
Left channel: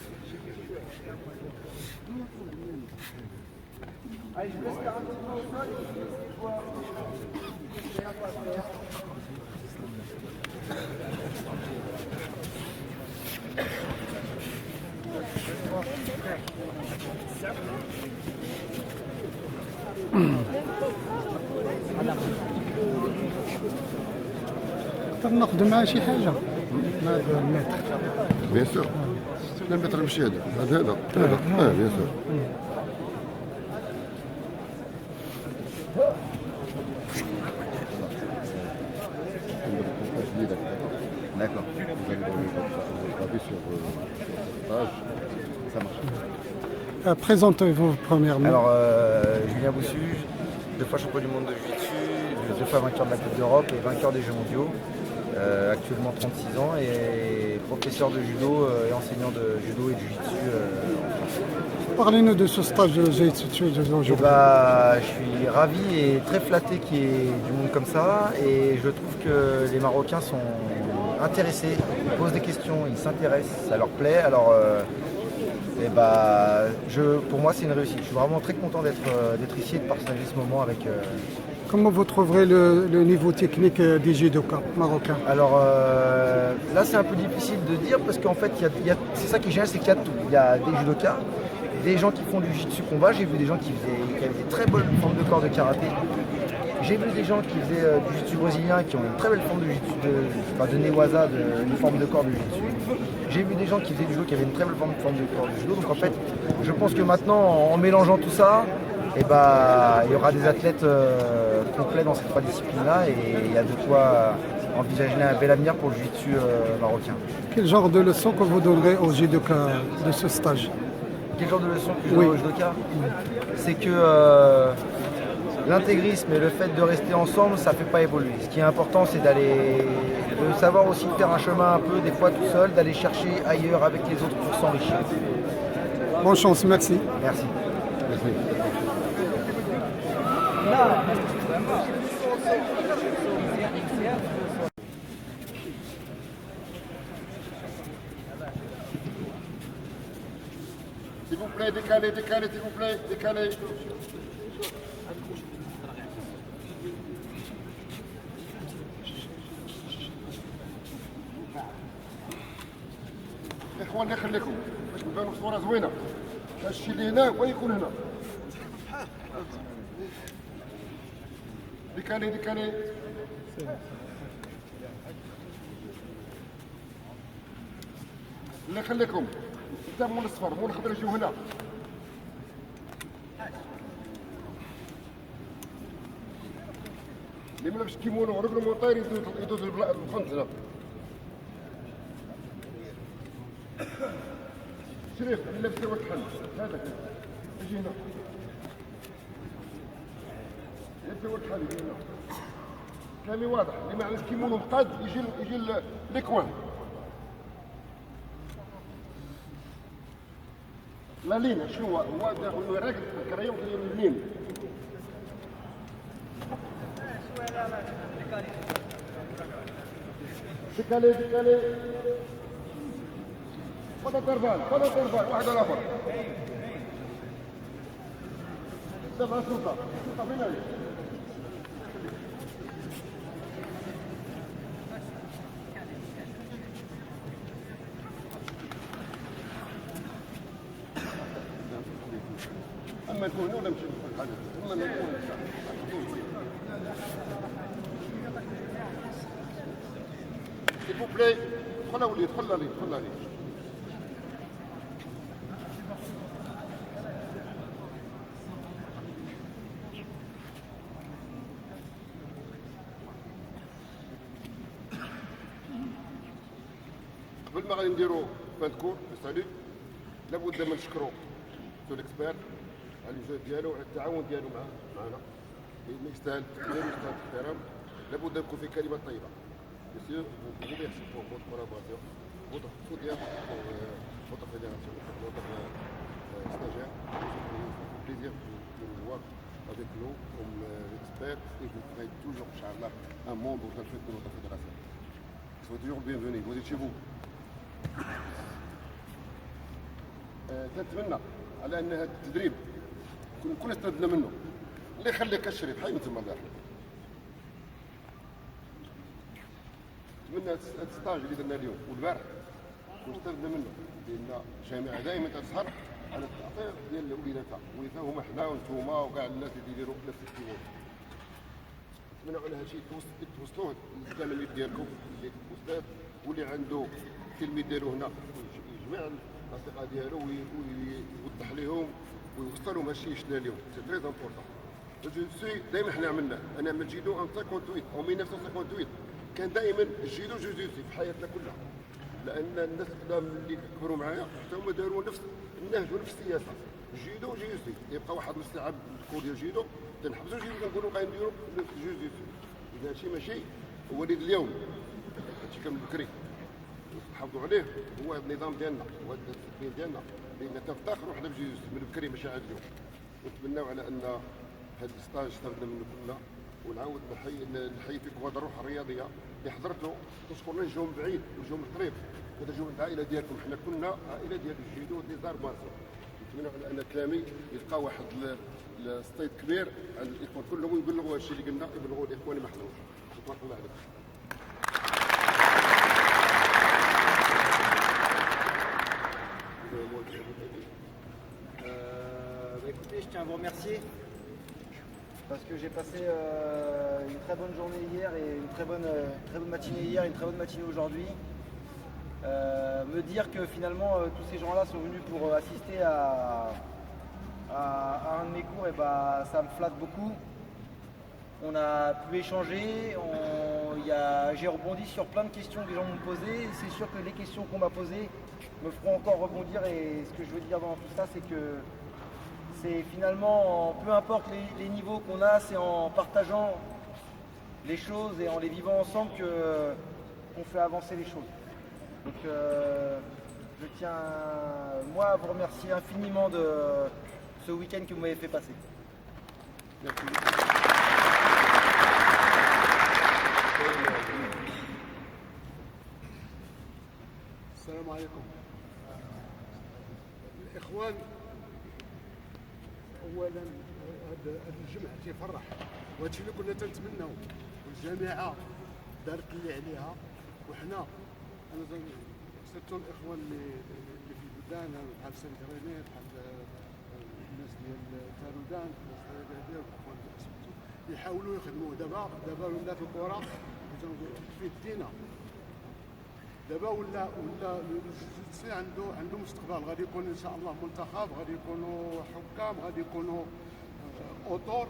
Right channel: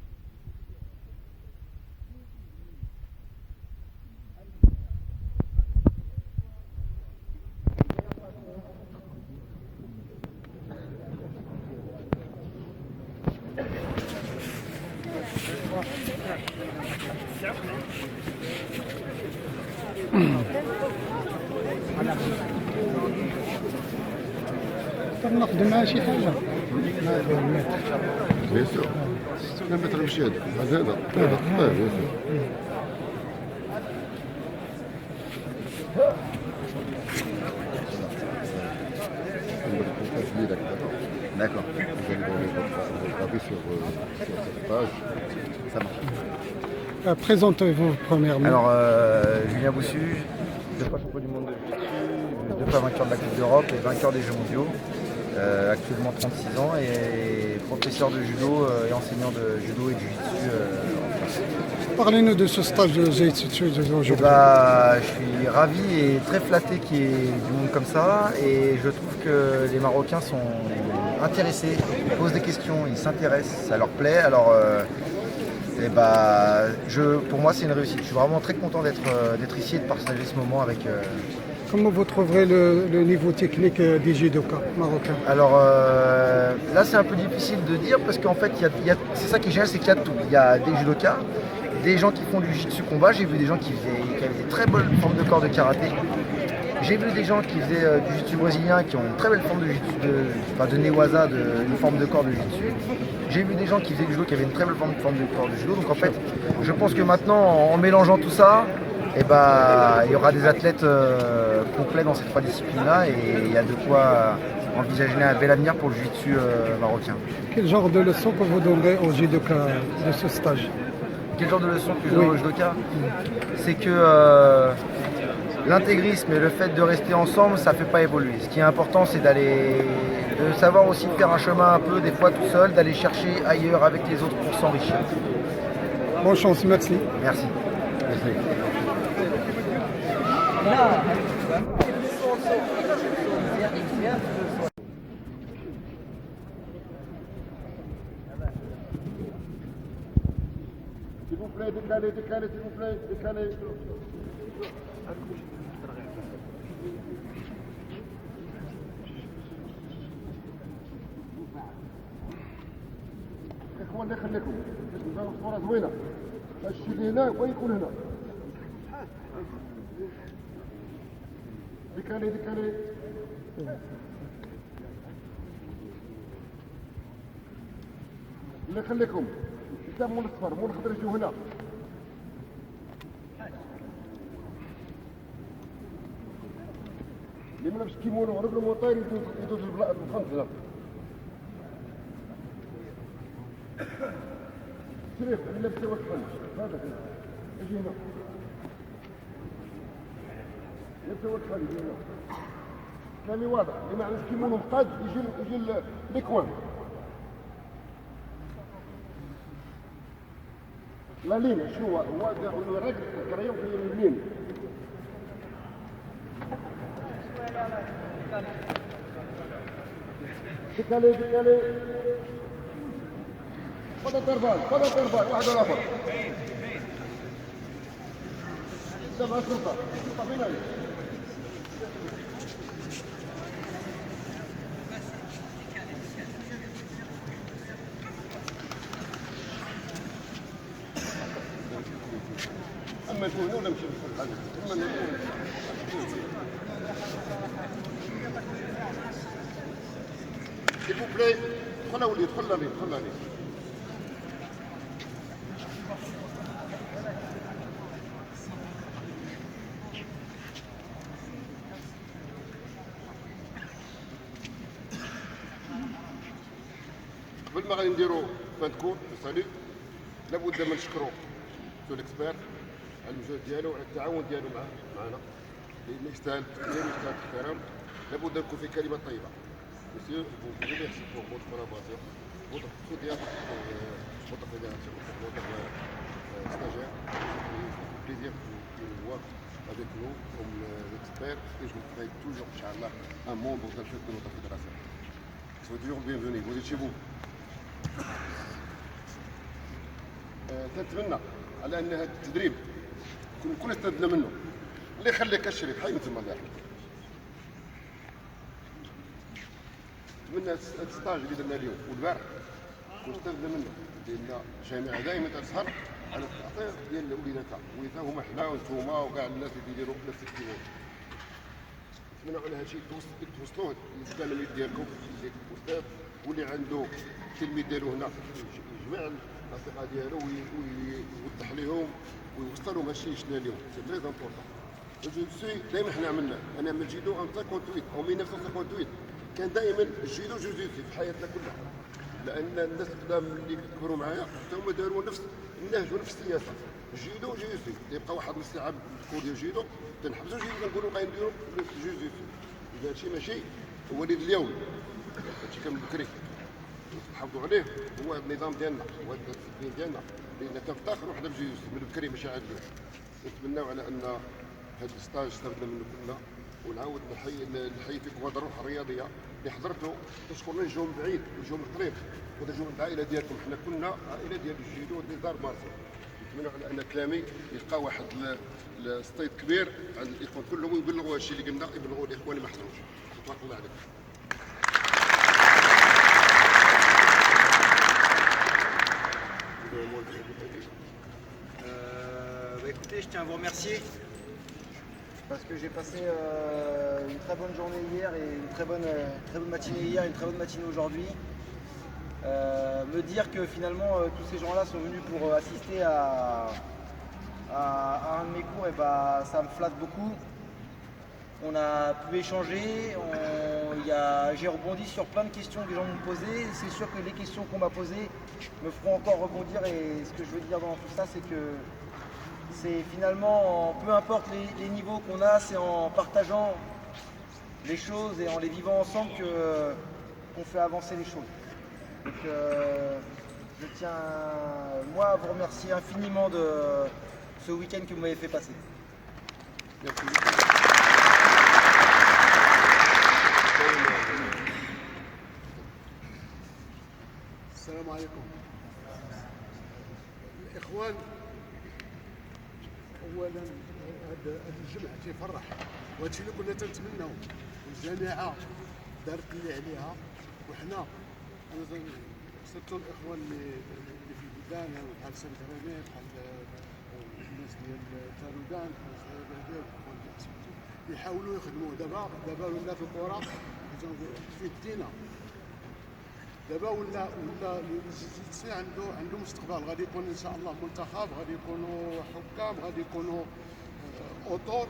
Allez, je vous laisse faire un petit peu au sol et puis laissez voir. J'ai rien pour la première. نقدر ناخذ معاه شي حاجه مع المتر بيان سور. لا متر ماشي هذا هذا بيان سور. D'accord. Vous allez dans les graver sur cette page. Ça marche. Présentez-vous premièrement. Alors, Julien Boussu, 2 fois champion du monde de jiu-jitsu, 2 fois vainqueur de la Coupe d'Europe et vainqueur des Jeux mondiaux. Actuellement 36 ans et professeur de judo et enseignant de judo et de jiu-jitsu en France. Parlez-nous de ce stage de jiu-jitsu aujourd'hui. Je suis ravi et très flatté qu'il y ait du monde comme ça et je trouve que les Marocains sont intéressés, ils posent des questions, ils s'intéressent, ça leur plaît. Alors, pour moi c'est une réussite. Je suis vraiment très content d'être ici et de partager ce moment avec. Comment vous trouverez le niveau technique des judokas marocains? Alors là c'est un peu difficile de dire parce qu'en fait c'est ça qui est génial, c'est qu'il y a de tout. Il y a des judokas, des gens qui font du jiu-jitsu combat, j'ai vu des gens qui avaient des très bonnes formes de corps de karaté. J'ai vu des gens qui faisaient du jiu-jitsu brésilien qui ont une très belle forme de jiu-jitsu, de newaza, une forme de corps de jiu-jitsu. J'ai vu des gens qui faisaient du judo qui avaient une très belle forme de corps de judo. Donc en fait, je pense que maintenant, en mélangeant tout ça, il y aura des athlètes complets dans ces trois disciplines-là et il y a de quoi envisager un bel avenir pour le jiu-jitsu marocain. Quel genre de leçon que vous donnerez aux judokas de ce stage? Quel genre de leçon que je donne aux judokas? C'est que l'intégrisme et le fait de rester ensemble, ça ne fait pas évoluer. Ce qui est important, c'est de savoir aussi faire un chemin un peu, des fois tout seul, d'aller chercher ailleurs avec les autres pour s'enrichir. Bonne chance, merci. Merci. S'il vous plaît, décalez, s'il vous plaît, décalez. اخوان الله يخليكم باش نبانو صوره زوينه الشيء اللي هنا ويكون هنا ديكالي الله يخليكم انت مول الصفر مول الخضر يجيو هنا اللي ما لابس كيمونو ورجل موطير يدوز الخنط هنا شريف اللي لابس ورك حل هذا كذا يجي هنا لابس ورك حل يجي هنا كلامي واضح اللي ما عندوش كيمونو مقاد يجي ليكوان لا لين شنو هو راكد الكريم كيدير اللين ديكالي خذ الضربان واحد ولا اخر دفع السلطه فين هي اما نكون ولا نمشي في الحاجه اما نكون s'il vous plaît دخل لي قبل ما غادي نديرو فان كور ساليت لابد ما نشكرو سو ليكسبير على المجهود ديالو وعلى التعاون ديالو معنا لانه يستاهل التقدير ويستاهل الاحترام. لابد نكون في كلمه طيبه. Monsieur, vous pouvez merci pour votre collaboration, votre soutien, votre fédération, votre stagiaire. C'est un plaisir de vous voir avec nous comme expert et je vous ferai toujours, Inch'Allah, un membre de notre fédération. Soyez toujours bienvenus, vous êtes chez vous. تنتمنى على ان هذا التدريب نكون استفدنا منه. اللي يخليك الشريف حي مثل ما الله يحفظك. نتمنى هذا الستاج اللي درنا اليوم والبارح نكون استفدنا منه لان الجامعه دائما تسهر على التعطير ديال وليداتها هما حنا وانتوما وكاع الناس اللي يديروا نفس الكيمون. نتمنى على هذا الشيء توصلوه للتلاميذ ديالكم اللي استاذ واللي عنده التلميذ ديالو هنا يجمع الاصدقاء ديالو ويوضح لهم ويوصل لهم هادشي شفنا اليوم. سي تري امبورطون. جو سوي دائما حنا عملنا انا من الجيدو ان 58 او 1958 كان دائما الجيدو جوجيتسو في حياتنا كلها لان الناس القدام اللي كبروا معايا حتى هما داروا نفس النهج ونفس السياسه. الجيدو جوجيتسو يبقى واحد نص ساعه بالكور ديال الجيدو تنحبسوا الجيدو كنقولوا غنديروا جوجيتسو. اذا هادشي ماشي وليد اليوم هادشي كان بكري نحافظوا عليه هو النظام ديالنا هو الدين ديالنا لان تنفتخروا حنا بجوجيتسو من بكري ماشي عاد اليوم. نتمناو على ان هذا الستاج استفدنا منه كلنا ونعاود نحيي فيكم هذه الروح الرياضيه اللي حضرتوا. نشكر اللي جاو من بعيد وجاو من قريب وهذا جاو من العائله ديالكم. حنا كنا عائله ديال الجيدو دي دار مارسي. نتمنى على ان كلامي يلقى واحد الستيت كبير عند الاخوان كلهم ويبلغوا هادشي اللي قلنا يبلغوا الاخوان اللي ما حضروش. تبارك الله عليك. Écoutez, je tiens à vous remercier parce que j'ai passé une très bonne journée hier et une très bonne matinée hier, une très bonne matinée aujourd'hui. Me dire que finalement tous ces gens-là sont venus pour assister à un de mes cours, et bah, ça me flatte beaucoup. On a pu échanger, j'ai rebondi sur plein de questions que les gens m'ont posées. C'est sûr que les questions qu'on m'a posées me feront encore rebondir, et ce que je veux dire dans tout ça, c'est que c'est finalement, peu importe les niveaux qu'on a, c'est en partageant les choses et en les vivant ensemble qu'on fait avancer les choses. Donc je tiens, moi, à vous remercier infiniment de ce week-end que vous m'avez fait passer. Merci. السلام عليكم الاخوان. اولا هذا الجمع تيفرح، وهذا الشيء اللي كنا تنتمناو، والجامعه دارت اللي عليها. وحنا انا سيرتو الاخوان اللي في البلدان بحال سيد ريمي، بحال الناس ديال تارودان، الناس ديال الاخوان اللي سمعتو يحاولوا يخدموا. دابا ولات الكره في الدينا، دابا ولا الجيتسي عنده مستقبل. غادي يكون ان شاء الله منتخب، غادي يكونوا حكام، غادي يكونوا اوتور.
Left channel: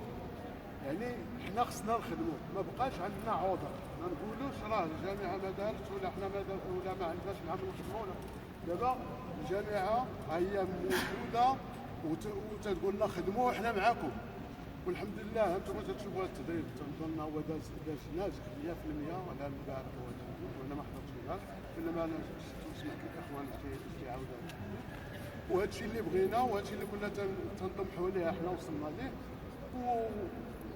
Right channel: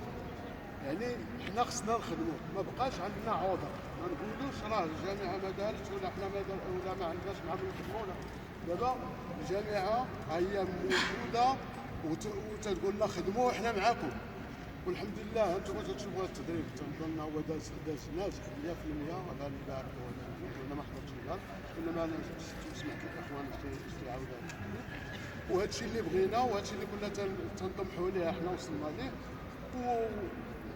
يعني حنا خصنا نخدموا، ما بقاش عندنا عذر. ما نقولوش راه الجامعه ما دارتش ولا حنا ما دار ولا ما عندناش مع نخدموا. دابا الجامعه ها هي موجوده وتقول لنا خدموا وحنا معاكم. والحمد لله انتم تشوفوا التدريب تنظن هو داز ناجح 100% على البارح وانا ما حضرتش الان، انما انا سمعت الاخوان في عاودوا. وهذا الشيء اللي بغينا، وهذا الشيء اللي كنا تنطمحوا ليه حنا وصلنا ليه.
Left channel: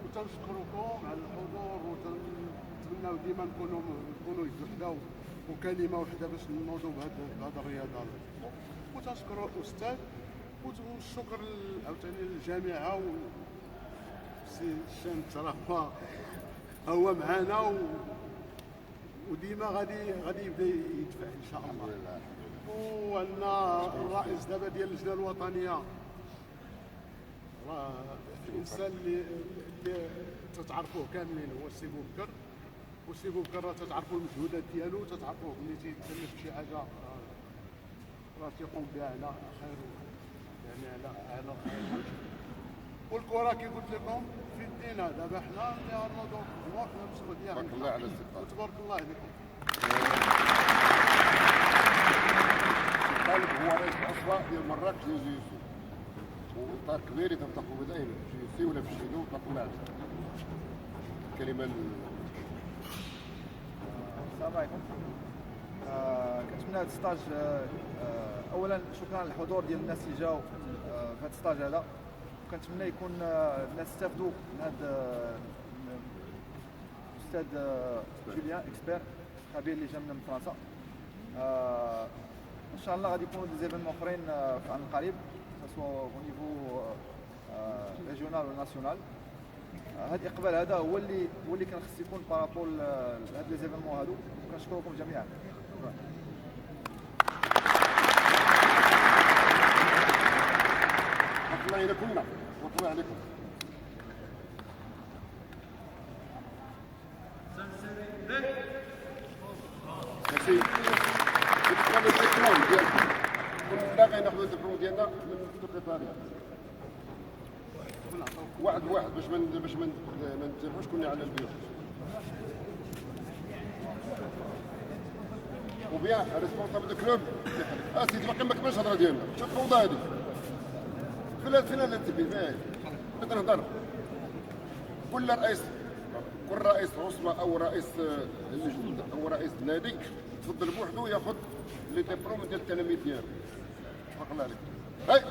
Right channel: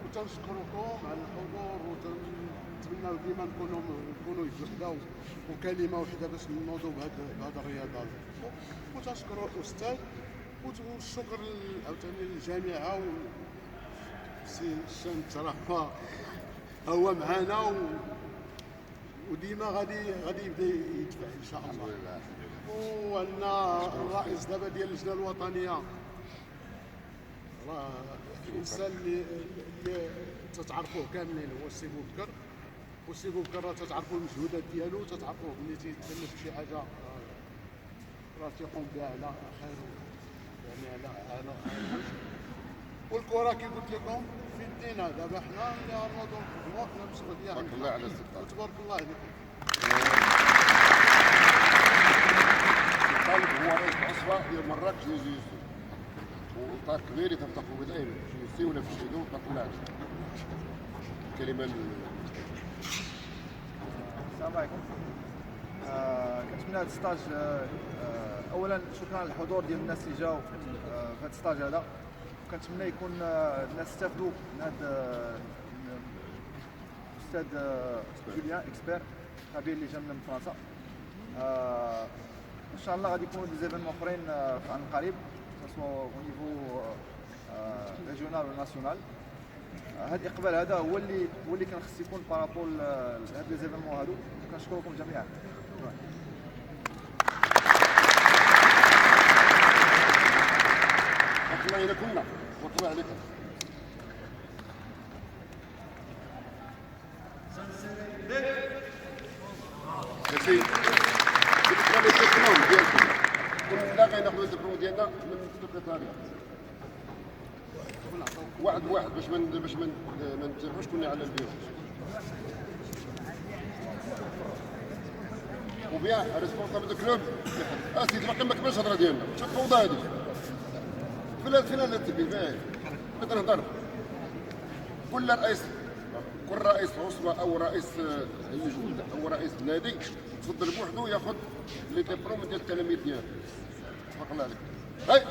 وتنشكركم على الحضور، وتنتمناو ديما نكونوا يد وحده وكلمه وحده باش نوضوا بهذا الرياضه. وتنشكروا الاستاذ، والشكر عاوتاني للجامعه سي الشمس راه هو معنا وديما غادي يبدا يدفع ان شاء الله. وعندنا الرئيس دابا ديال اللجنه الوطنيه راه الانسان اللي تتعرفوه كاملين هو السي بوبكر. والسي بوبكر راه تتعرفوا المجهودات ديالو، تتعرفوه ملي تيتكلف شي حاجه راه تيقوم بها على خير، يعني على والكره كي قلت لكم في يدينا. دابا حنا اللي غنوضوا نخدموا، حنا مسؤوليه. تبارك الله على السلطان. تبارك الله عليكم. طالب هو رئيس العصبه ديال مراكش ديال جيوسي، وطار كبير يتنطقوا به دائما في جيوسي ولا في الشهيدو. تبارك الله عليك. كلمه السلام عليكم. كنتمنى هذا الستاج، اولا شكرا للحضور ديال الناس اللي جاوا في هذا الستاج هذا. كنتمنى يكون الناس استافدوا من هذا الاستاذ جوليان اكسبير خبير اللي جا من فرنسا. ان شاء الله غادي يكونوا دي زيفينمون اخرين في عام قريب، سواء او نيفو ريجيونال ولا ناسيونال. هذا الاقبال هذا هو اللي كان خص يكون بارابول لهاد لي زيفينمون هادو. كنشكركم جميعا. الله إلى كلنا. تبارك الله عليكم. ماشي بالنسبه للدبلوم ديالكم، كلنا غناخذوا الدبلوم ديالنا من السكرتاريه واحد بواحد باش ما نتبعوش كلنا على البيو. وبيان ريسبونسابل دو كلوب اسيدي باقي ما كملش الهضره ديالنا. شوف الفوضى هذه فين التبي فين بغيت نهضر. كل رئيس عصبه او رئيس اللجنه او رئيس النادي تفضل بوحده ياخذ لي ديبلوم ديال التلاميذ ديالو. تبارك الله عليك. هاي